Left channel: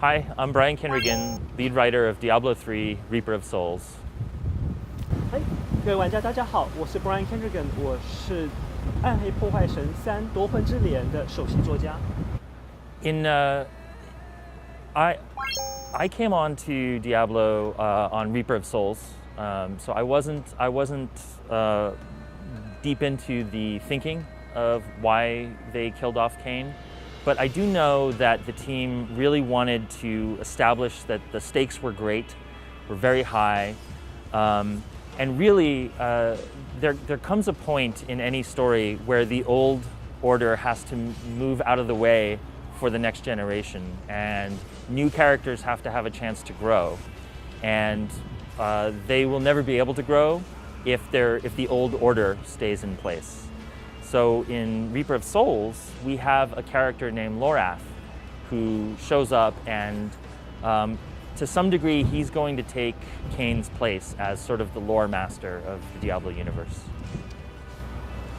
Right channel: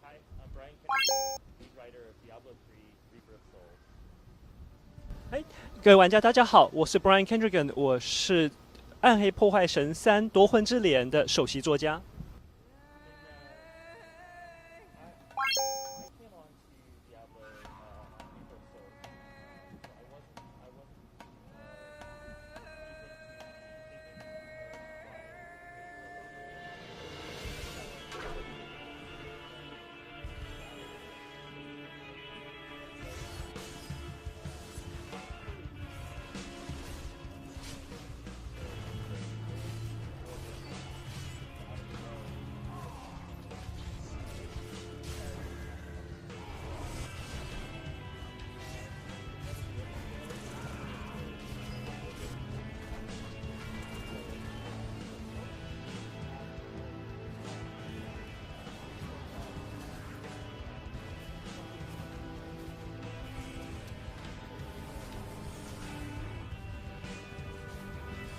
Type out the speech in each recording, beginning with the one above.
Hi, I'm Brian Kindregan, lead writer of Diablo 3: Reaper of Souls. 嗨，各位玩家，大家好，我是 Brian Kindregan，我是《暗黑破坏神3：夺魂之鐮》的首席作家。I came on to Diablo on Reaper of Souls, so I wasn't deep into the thinking of why they killed off Cain. But I do know that the team really wanted to establish that the stakes were great, were very high, and really there comes a point in any story where the old order has to move out of the way for the next generation, and new characters have to have a chance to grow, and they will never be able to grow if the old order stays in place. So in Reaper of Souls, we have a character named Lorath who shows up, and to some degree, he's going to take Cain's place as sort of the lore master of the Diablo universe.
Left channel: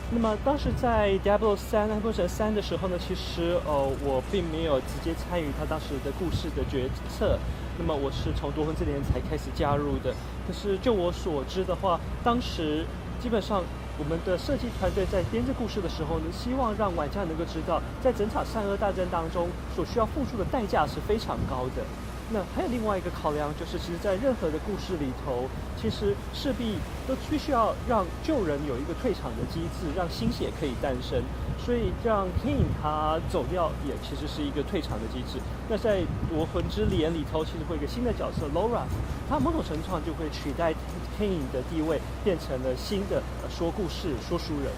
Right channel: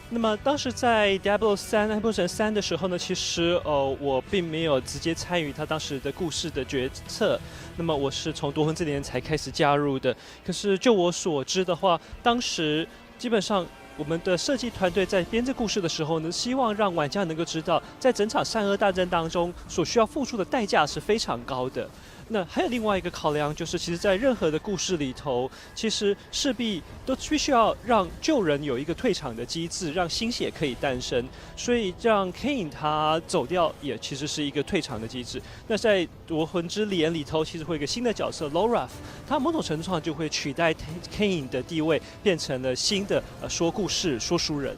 那么当时在 Diablo 3暗黑破坏神3的时候呢，其实我并没有直接参与他当时的故事的决策。那么我是从夺魂之鐮才开始加入的。可是就我所知的话，当时基本上我们的设计团队在编这故事的时候呢，希望让玩家能够知道，在整场善恶大战当中所需要付出的代价是非常高的。那还有另外一个考量，就是其实在任何的故事里头，其实势必都必须要让旧人有一个退场的机制，让新血可以诞生。所以让 Cain 他走掉，也其实是一个退场的机制。那在夺魂之鐮里头，其实会有一个新的角色 Lorath， 他某种程度上就会取代 Cain 的地位，变成了新的说故事说书人。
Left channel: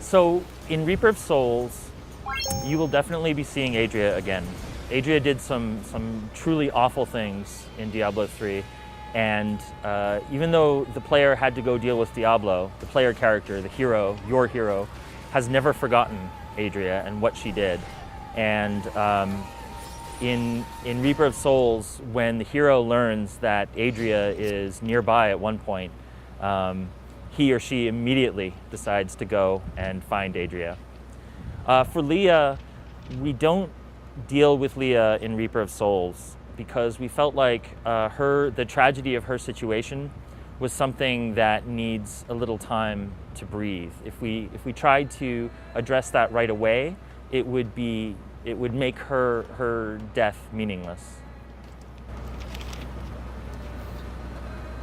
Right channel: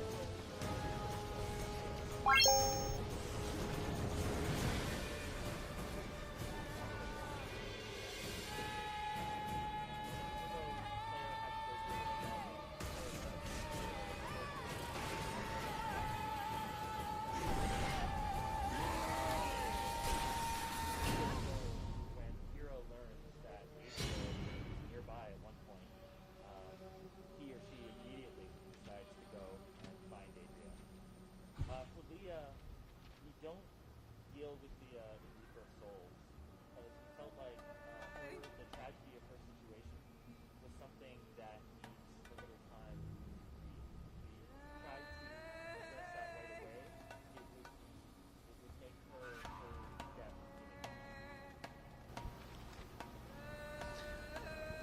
So in Reaper of Souls, you will definitely be seeing Adria again. Adria did some truly awful things in Diablo 3, and even though the player had to go deal with Diablo, the player character, the hero, your hero, has never forgotten Adria and what she did. And in Reaper of Souls, when the hero learns that Adria is nearby at one point, he or she immediately decides to go and find Adria. For Leah, we don't deal with Leah in Reaper of Souls because we felt like the tragedy of her situation was something that needs a little time to breathe. If we tried to address that right away, it would make her death meaningless.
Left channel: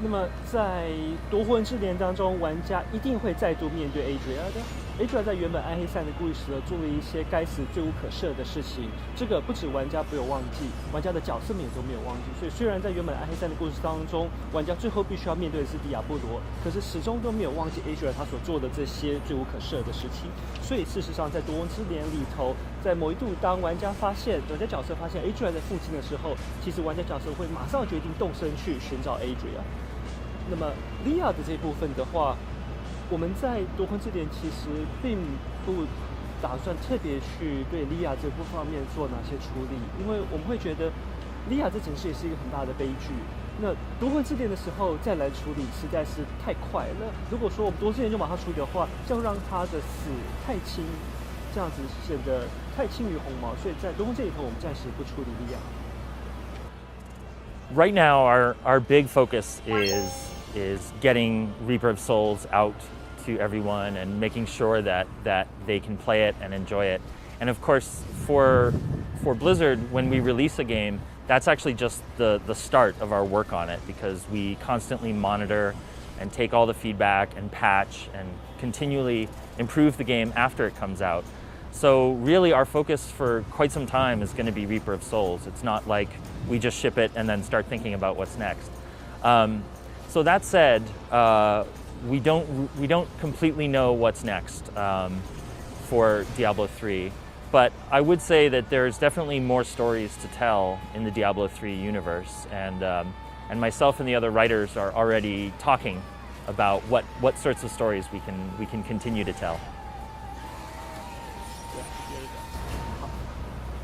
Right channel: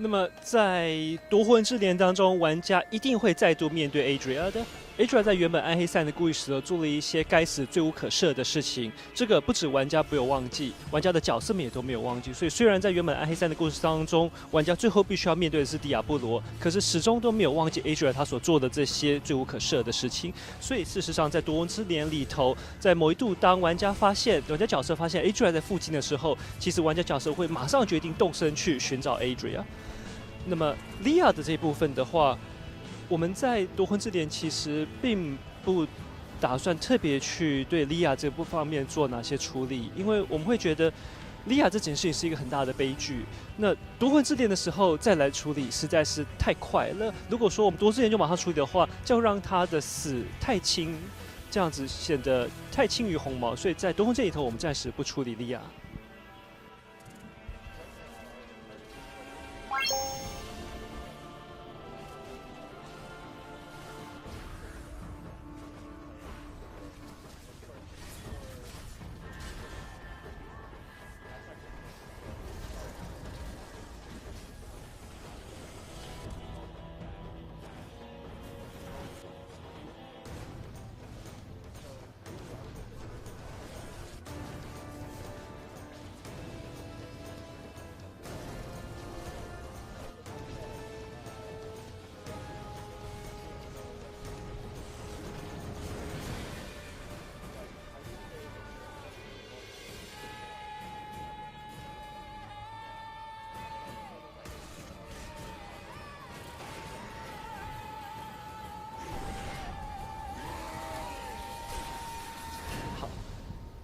那么在夺魂之鐮当中，玩家一定会再度面对 Adria 的。Adria 在原本暗黑3的故事做了一些该死罪无可赦的事情，这个不止玩家没有忘记，玩家的角色们也都没有忘记。所以虽然在原本暗黑3的故事当中，玩家最后必须要面对的是迪亚波罗，可是始终都没有忘记 Adria 他所做的这些罪无可赦的事情。所以事实上，在夺魂之鐮里头，在某一度当玩家角色发现 Adria 在附近的时候，其实玩家角色会马上决定动身去寻找 Adria。那么 Leah 的这一部分的话，我们在夺魂之鐮其实并不打算特别去对 Leah 这部方面做哪些处理，因为我们会觉得 Leah 这件事情是一个很大的悲剧。那夺魂之鐮的时候再来处理实在是太快了。如果说我们夺魂之鐮就马上处理的话，这样让他的死太轻，这样子显得太轻于鸿毛，所以在夺魂这里头我们暂时不处理 Leah。Right now, our big focus is getting Reaper of Souls out to everyone and making sure that they can play it and enjoy it. And of course, for Blizzard, when we release a game, that's actually just the start of our work on it, because we constantly monitor and take all the feedback and patch and continually improve the game after it comes out. So really our focus for quite some time is going to be Reaper of Souls. It's not like we just ship it and then start thinking about what's next. So that said, we don't completely know what's next for Diablo 3, but I would say that there's definitely more stories to tell in the Diablo 3 universe, and myself and the other writers are already talking about what sorts of stories we can continue to tell.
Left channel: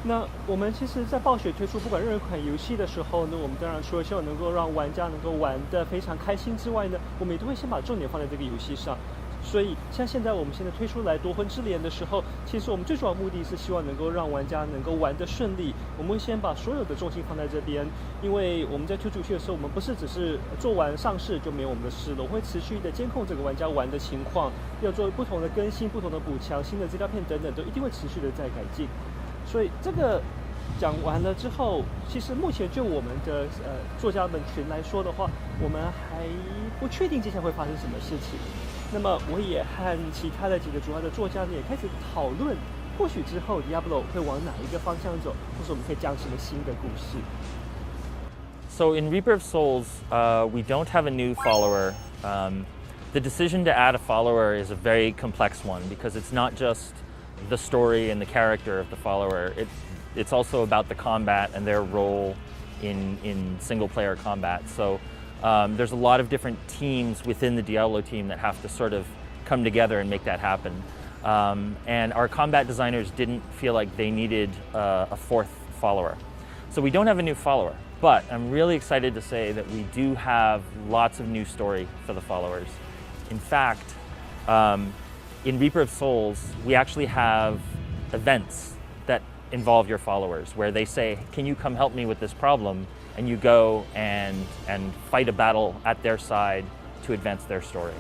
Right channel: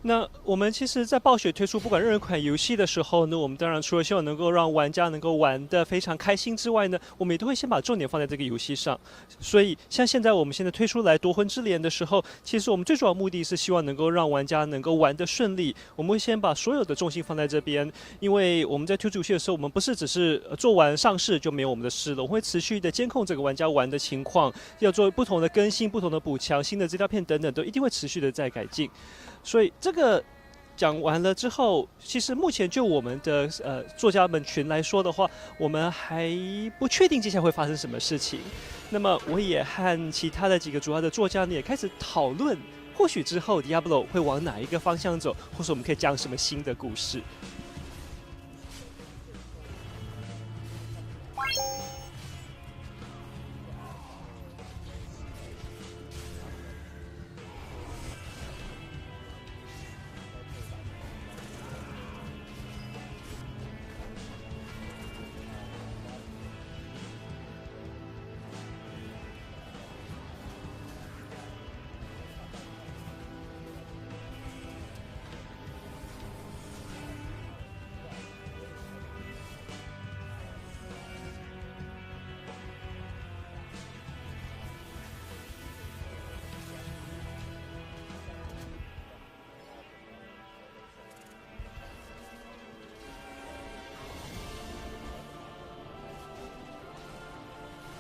那我们其实，在暴雪推出不管任何一款游戏的时候呢，我们当然除了希望能够让玩家能够玩得非常开心之外呢，我们也都会先把重点放在这个游戏上。所以，像现在我们现在推出来《夺魂之镰》的时候，其实我们最主要的目的是希望能够让玩家能够玩得顺利。我们会先把所有的重心放在这边，因为我们在推出游戏的时候，我们不是只是做完上市就没有我们的事了，我们会持续的监控这个玩家玩的情况，要做不同的更新、不同的补强、新的资料片等等，都一定会持续的在改进。所以这个讲完了之后，其实目前就我们的作家们群来说的话，我们还不确定接下来会发生什么事情。那么我也和其他的几个主要的作家呢也开始讨论，或许之后 Diablo 会往哪一个方向走，或是我们可以讲什么新的故事。So in Reaper of Souls, we don't have a new follower. The decision to add a follower is a very complex one because it's not just the story and the character of the follower. It's also about the combat and their role in single-player combat. So there's a lot of different teams within the Diablo team that have to sort of come together and make that happen. And our combat designers didn't feel like they needed a fourth follower. So we don't have a new follower, but I'm really excited to say that we do have lots of new story for the followers. In fact, in Reaper of Souls, we actually have events that involve your followers where they say, can you come help me with this problem? And you go and fight a battle at their side to advance their story.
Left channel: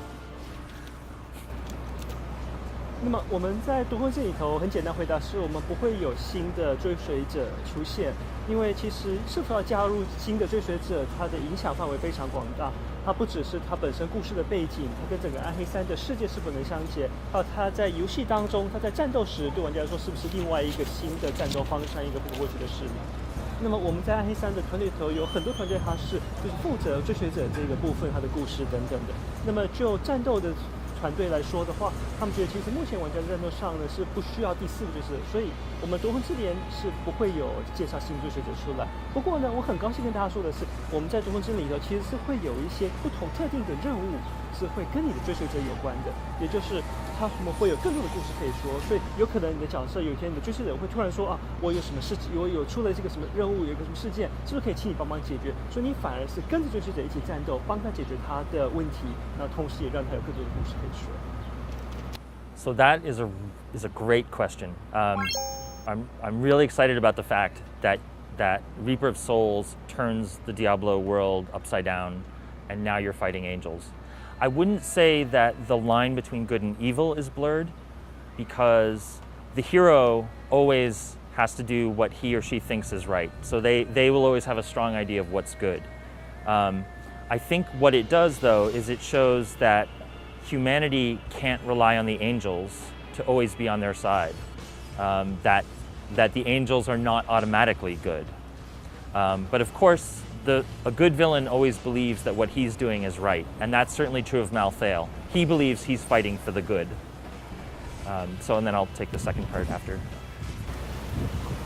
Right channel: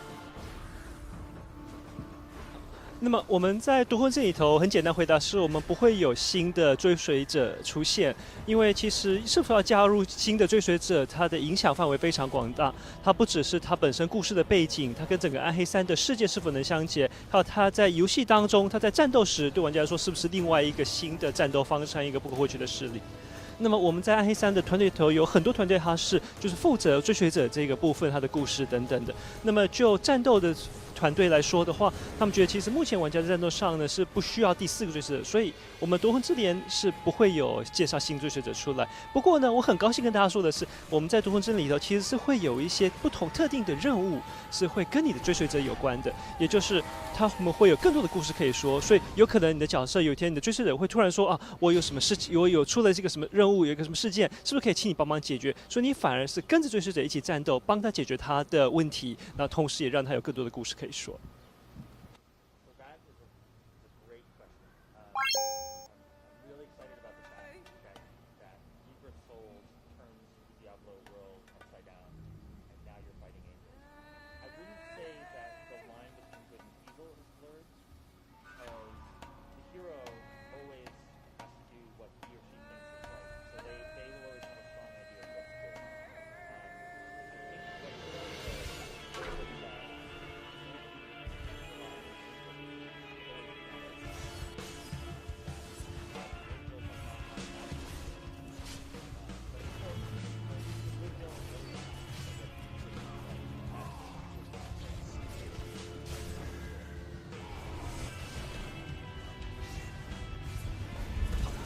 那么我们在夺魂这里头很简单回答是我们不会有新的追随者出现，因为其实是否要加入新的追随者，它的影响范围非常广大，它不只是它本身故事的背景，它跟整个暗黑三的世界是否能相结，还有它在游戏当中，它在战斗时对玩家来说是不是另外一个新的战斗方向，一个不可或缺的势力。那么我们在暗黑三的团队里头有很多团队，它是就是负责追随者这个部分，它的故事等等的。那么就战斗的团队来说的话，他们觉得其实目前玩家在战斗上呢是不需要第4个追随者，所以我们夺魂之镰是不会有介绍新追随者出来。不过呢，我很高兴跟大家说的是，我们在夺魂之镰里头其实是会有一些不同特定的任务是会跟你的追随者有关的，也就是他们会有更多的故事可以说，所以有可能你的角色有一天你的追随者会突然说啊，我有什么事情，我有出了这个什么任务，有一个什么事件，是不是可以请你帮忙解决？所以你反而是跟着追随者一起战斗，帮他解决他的问题，那同时也让他有更多的故事可以说。So that is a great question. I'm really excited about the fact that Reaper of Souls turns the Diablo world upside down, and now you're fighting angels. I wouldn't say that the line between good and evil is blurred, because the hero always has to do what he or she thinks is right. So they will always have a strong idea of what's good. I think what it does, though, is it shows that humanity can't rely on the angels to always be on their side. That the angels are not automatically good. But of course, a good villain always believes that what he's doing is right, and that's certainly true of Malthael. He believes he's fighting for the good. And then I'll take the second part after.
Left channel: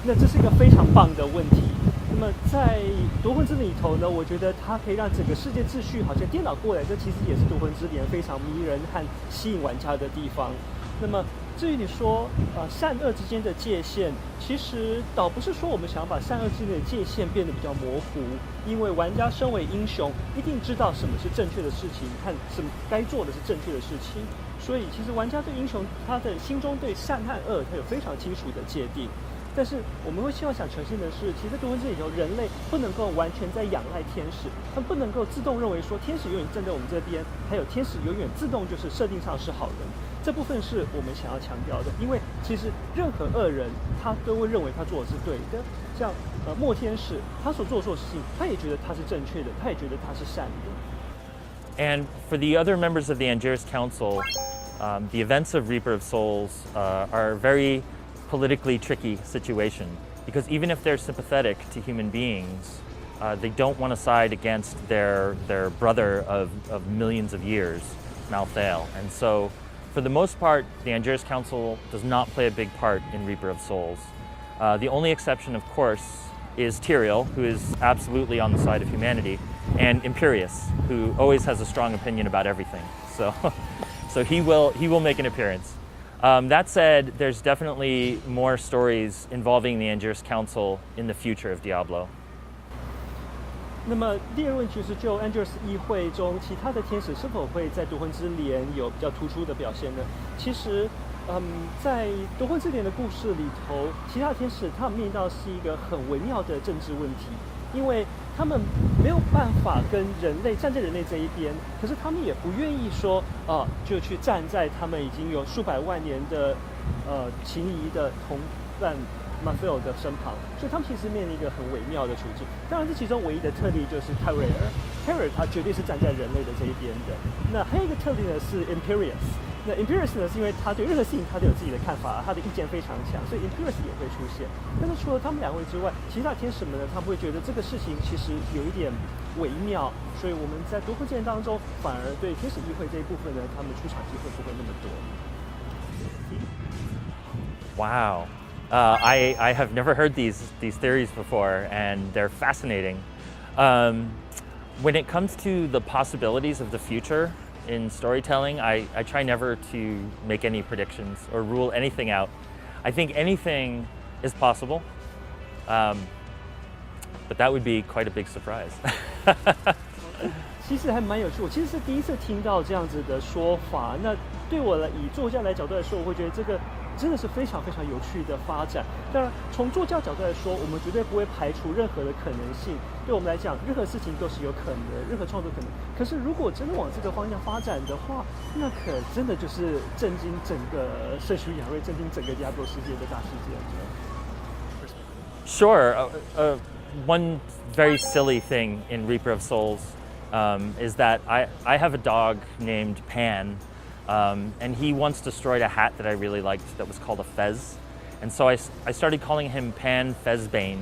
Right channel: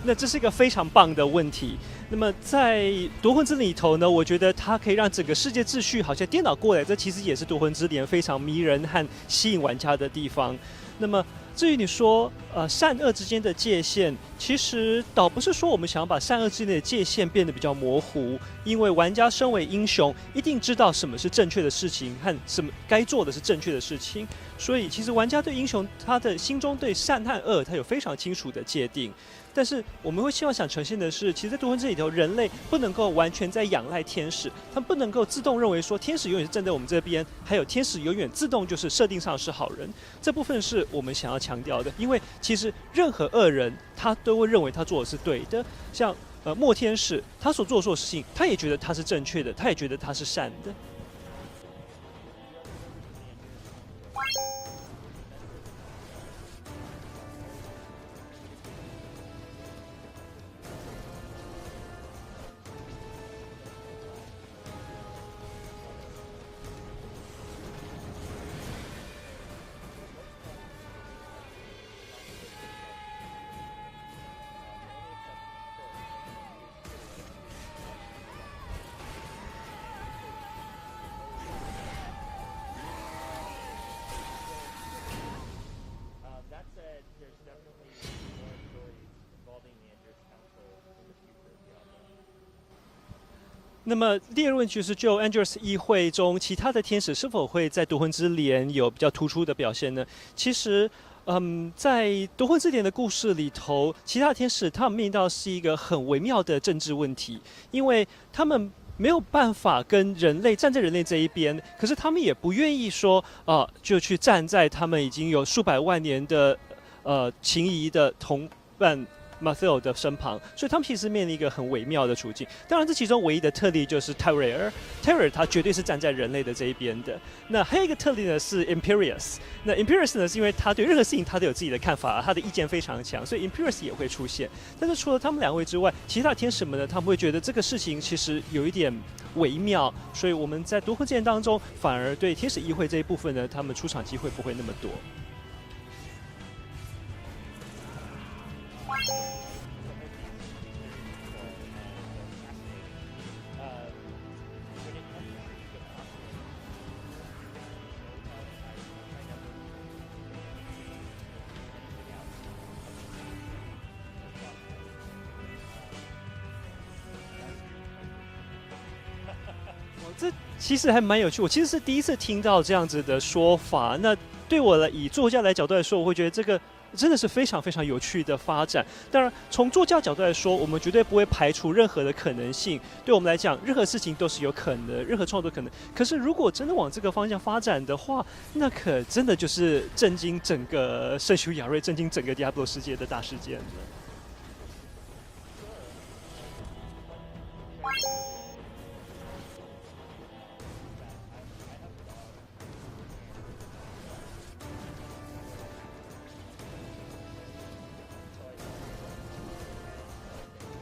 那这是一个非常棒的问题。那么在夺魂之里头呢，我觉得它可以让整个世界秩序好像颠倒过来，这其实也是夺魂之镰非常迷人和吸引玩家的地方。那么至于你说善恶之间的界限，其实倒不是说我们想要把善恶之间的界限变得比较模糊，因为玩家身为英雄，一定知道什么是正确的事情和什么该做的是正确的事情。所以其实玩家对英雄他的心中对善和恶，他有非常清楚的界定。但是我们会希望想呈现的是，其实在夺魂之里头，人类不能够完全在仰赖天使，他们不能够自动认为说天使永远是站在我们这边，还有天使永远自动就是设定上是好人。这部分是我们想要强调的，因为其实任何恶人他都会认为他做的是对的，像末天使他所做的事情，他也觉得他是正确的，他也觉得他是善的。And for the other members of the Angiers Council, the events of Reaper of Souls are a very politically tricky situation, because even if they're sympathetic to human beings, they don't want to side against their brother of millions of years, Malthael. And so, for the most part, the Angiers Council does not play a big part in Reaper of Souls. The only exception, of course, is Tyrael, who is absolutely on the side of humanity, and Imperius, who always has a strong opinion about everything. So he will make an appearance. That said, there's definitely more stories involving the Angiers Council in the future of Diablo. 那么第二个问题就是，就 Angiers 议会中其他的天使是否会在夺魂之镰有比较突出的表现呢？其实。在夺魂之镰的故事里头，其他天使他们面临到是一个很微妙的政治问题，因为他们没有办法跟人类站在人类这一边，可是他们也不愿意说就去站在他们已经有数百万年的情谊的同伴 Mathiel 的身旁，所以他们其实面临一个很微妙的处境。当然，这其中唯一的特例就是 Terror 他绝对是站在人类的这一边的。那还有一个特例呢是 Imperius。那 Imperius 呢是因为他对任何事情他都有自己的看法，他的意见非常强，所以 Imperius 也会出现。但是除了他们两位之外，其他天使们呢，他们会觉得这个事情其实有一点微妙，所以我们在夺魂之镰当中，反而对天使议会这一部分呢，他们出场机会不会那么多。Wow. I have never heard these theories before, and they're fascinating. When it comes to the possibilities of the future in storytelling, I try never to make any predictions or rule anything out. I think anything is possible, but that would be quite a big surprise. 其实还蛮有趣，我其实是第一次听到这样子的说法。那对我以作家来角度来说，我会觉得这个真的是非常非常有趣的发展。当然，从作家角度来说，我们绝对不会排除任何的可能性。对我们来讲，任何事情都是有可能，任何创作可能。可是，如果真的往这个方向发展的话，那可真的就是震惊整个圣修亚瑞、震惊整个 Diablo 世界的大事件。Sure. One very silly thing in Reaper of Souls is that I have a dog named Pan. And he once destroyed a hat that I really liked that was called a fez. And so I started calling him Pan Fezbane,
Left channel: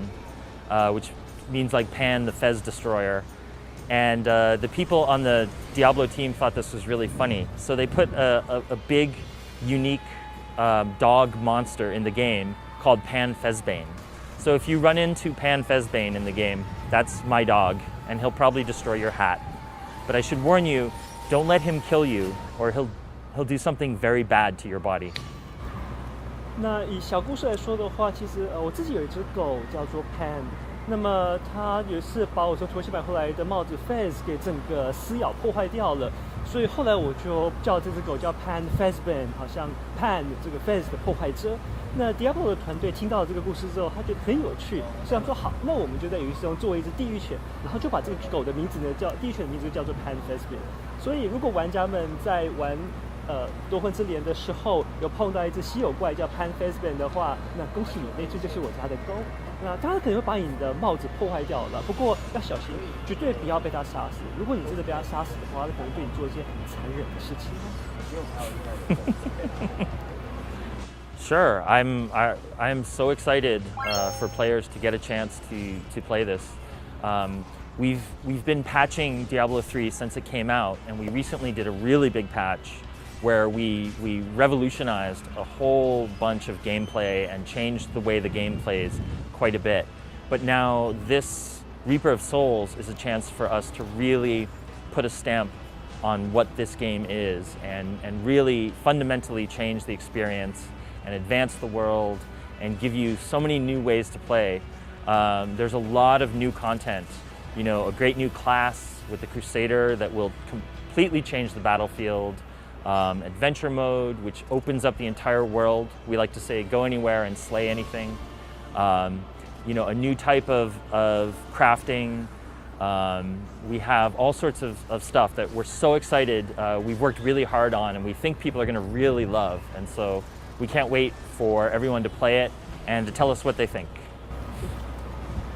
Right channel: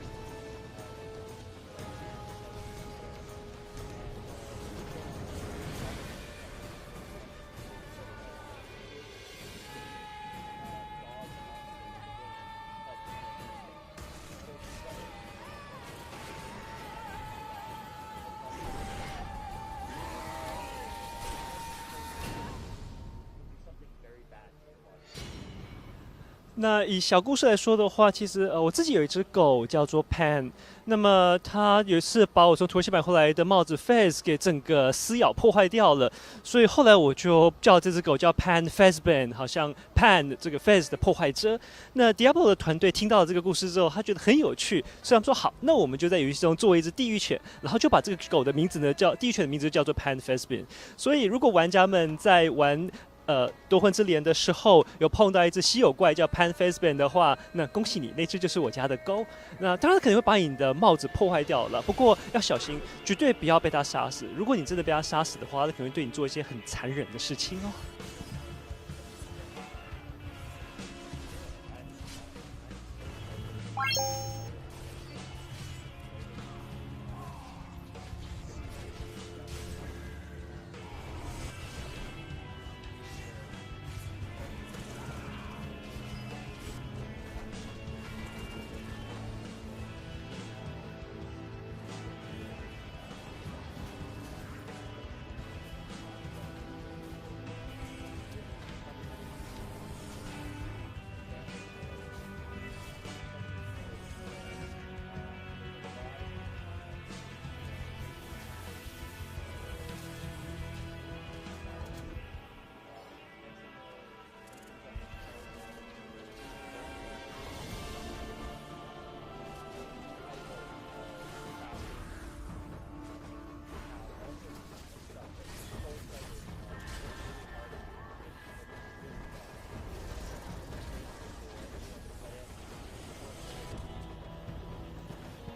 which means like Pan the Fez Destroyer. And the people on the Diablo team thought this was really funny. So they put a big, unique dog monster in the game called Pan Fezbane. So if you run into Pan Fezbane in the game, that's my dog, and he'll probably destroy your hat. But I should warn you, don't let him kill you, or he'll do something very bad to your body. 那以小故事来说的话，其实我自己有一只狗叫做 Pan， 那么它有一次把我从土耳其买回来的帽子 Fez 给整个撕咬破坏掉了，所以后来我就叫这只狗叫 Pan Fezbane， 好像 Pan 这个 Fez 的破坏者。那 Diablo 的团队听到了这个故事之后，他觉得很有趣，所以他们说好，那我们就在游戏中做一只地狱犬，然后就把这个狗的名字呢叫地狱犬的名字叫做 Pan Fezbane。所以如果玩家们在玩夺魂之镰的时候有碰到一只稀有怪叫 Pan Fezbane 的话，那恭喜你，那只就是我家的狗。那当然可能会把你的帽子破坏掉了，不过要小心，绝对不要被它杀死。如果你真的被它杀死的话，它可能对你做一些很残忍的事情哦。Sure, I am so excited for players to get a chance to play this. We've been patching Diablo 3 since it came out, and we recently did a really big patch where we revolutionized a whole bunch of gameplay and changed the way the game plays quite a bit. But now this Reaper of Souls is a chance for us to really put a stamp on what this game is and really fundamentally change the experience and advance the world and give you so many new ways to play. There's a lot of new content. You know, a great new class with the Crusader that will completely change the battlefield. Adventure mode, which opens up the entire world. We like to say, go anywhere and slay anything. You know, a new type of crafting. We have all sorts of stuff that we're so excited. We've worked really hard on, and we think people are going to really love. And so we can't wait for everyone to play it and to tell us what they think.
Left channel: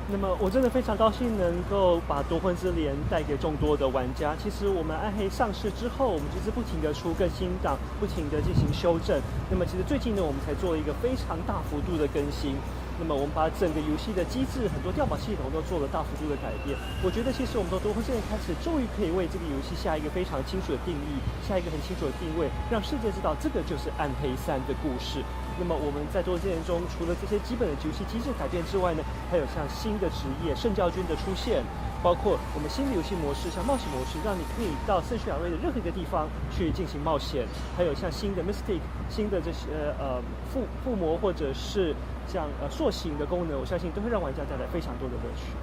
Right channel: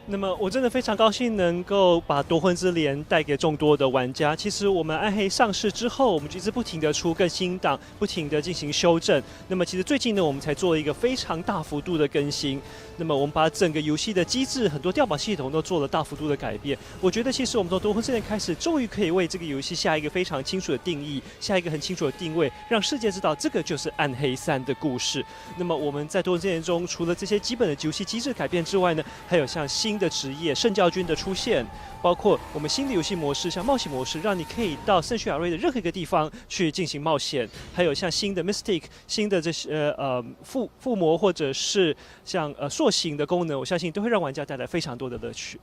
那么我真的非常高兴能够把夺魂之镰带给众多的玩家。其实我们暗黑上市之后，我们一直不停的出更新档，不停的进行修正。那么其实最近呢，我们才做了一个非常大幅度的更新。那么我们把整个游戏的机制、很多调宝系统都做了大幅度的改变。我觉得其实我们从夺魂之镰开始，终于可以为这个游戏下一个非常清楚的定义，下一个很清楚的定位，让世界知道这个就是暗黑3的故事。那么我们在夺魂之镰中，除了这些基本的游戏机制改变之外呢，还有像新的职业圣教军的出现，包括我们新的游戏模式，像冒险模式，让你可以到圣叙亚瑞的任何一个地方去进行冒险，还有像新的 Mystic、新的这些附魔或者是像塑形的功能，我相信都会让玩家带来非常多的乐趣。